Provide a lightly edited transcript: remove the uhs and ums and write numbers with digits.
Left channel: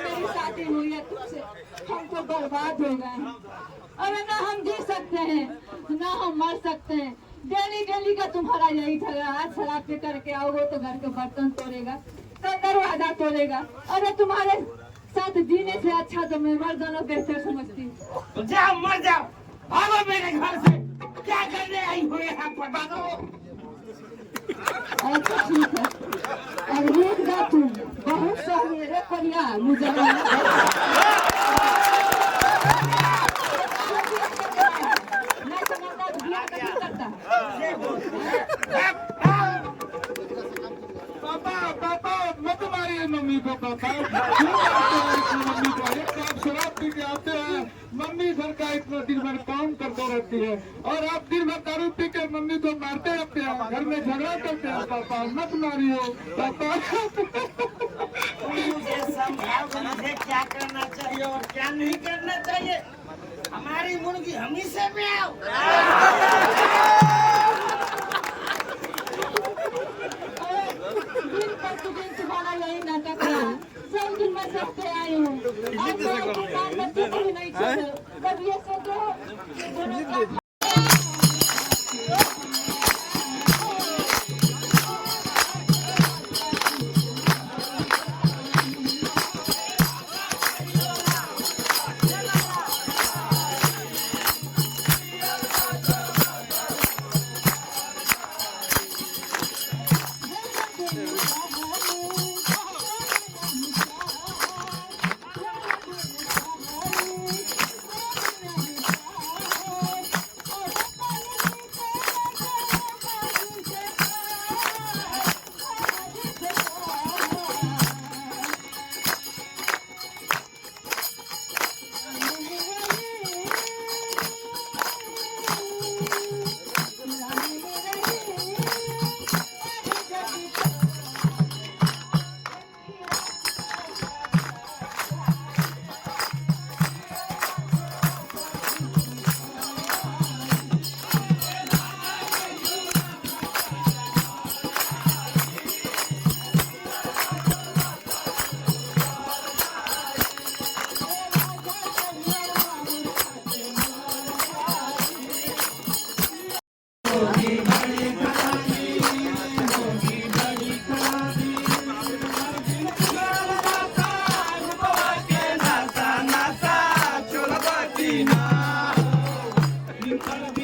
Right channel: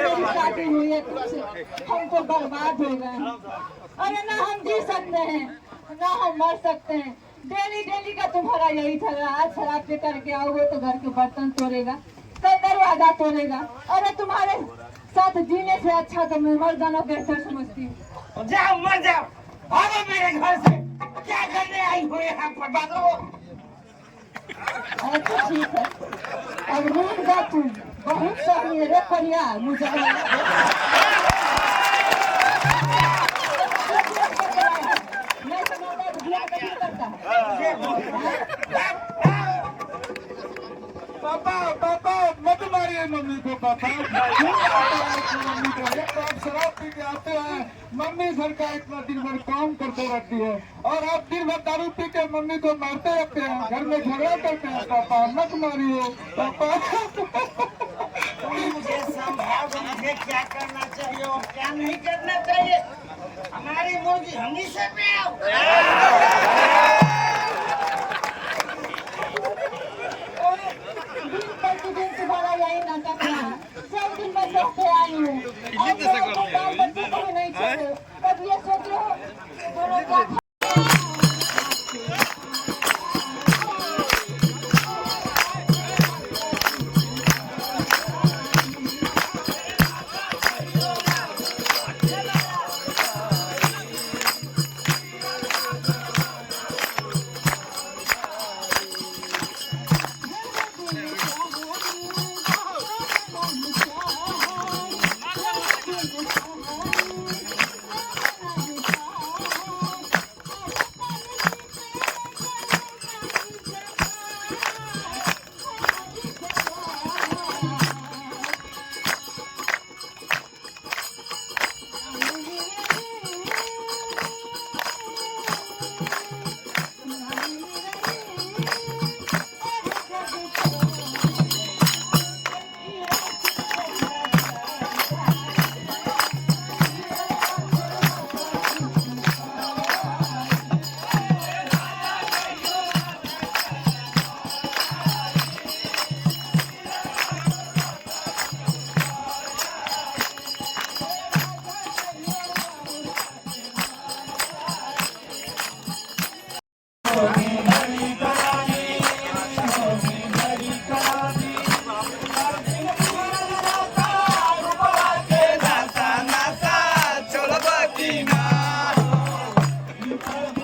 मेरी शादी हुई है तुमसे, हम तो बर्बाद हो गए। अरे ना हम जी सकते हैं ना हम मर सकते हैं। डेली डेली का तुम्हारा यही झगड़ा। आज शराब पी करके आओगे तो घर के बर्तन तोड़ेगा, कल दरवाजा तोड़ेगा। अरे तुम्हारे साथ जीने से अच्छा तो मैं मर जाना बेहतर समझती हूँ। जाओ मर जाओ, भागो मेरे घर से। क्या करने आई हो यहाँ पर? भागो। अच्छा ठीक है, अब नींद का तुम बहुत सही रे कन्या। मुझे मैं समझदार बिया नहीं करता। पापा पापा मत मारिए मम्मी को। पापा क्यों मारते हैं अपनी मम्मी को? एक तो आप शराब पी के आते हैं, मम्मी घर का इतना दिन भर काम करते रहती है, और आप दिन भर दारू पी के मम्मी को मारते रहते हैं, घर में झगड़ा करते हैं। पापा मत मारिए पापा। मुझे समझाओ तो मुझे क्या करना चाहिए और क्या नहीं करना चाहिए। हमारी मुर्गी हमी से पे आओ। दिन प्रतिदिन तुम्हारा यही नाटक है। सब दिन मैं देखते आई हूँ। आज तो बाल बच्चों को भी नहीं छोड़ो। कब ये सोचो दोनों का Thank you.